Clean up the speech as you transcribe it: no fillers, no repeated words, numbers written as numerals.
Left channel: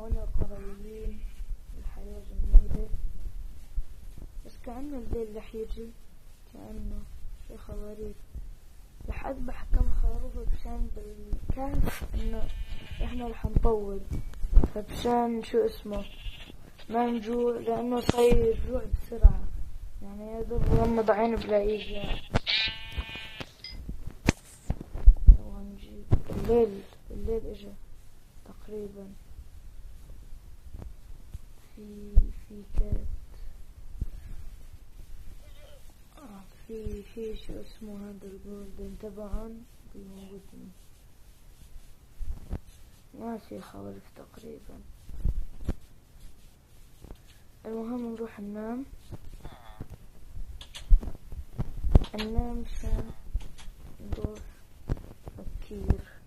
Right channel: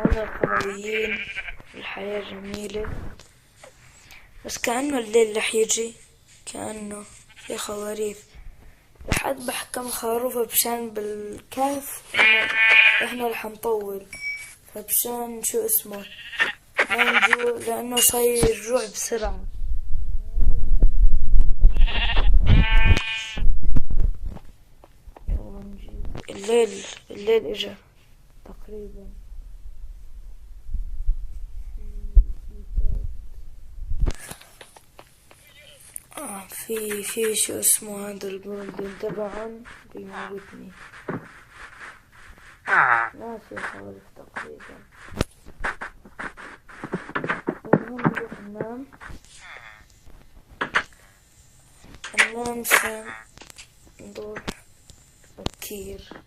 هون القرويين، الحياة جميلة، بس كأنه الليل رح يجي، كأنه في خواريف. رح أذبح كم خروف بشان بالكهف إنه إحنا رح نطول، فبشان شو اسمه ما نجوع، لأنه صاير الجوع بسرعة، يعني يا دوب غمض عيني بلاقيه. يلا نجيب الليل إجا تقريبا. في كات في شو اسمه هذا الجولدن تبعهم بيموتني، ناسي خوالف تقريبا. المهم نروح ننام عشان نروح بكير.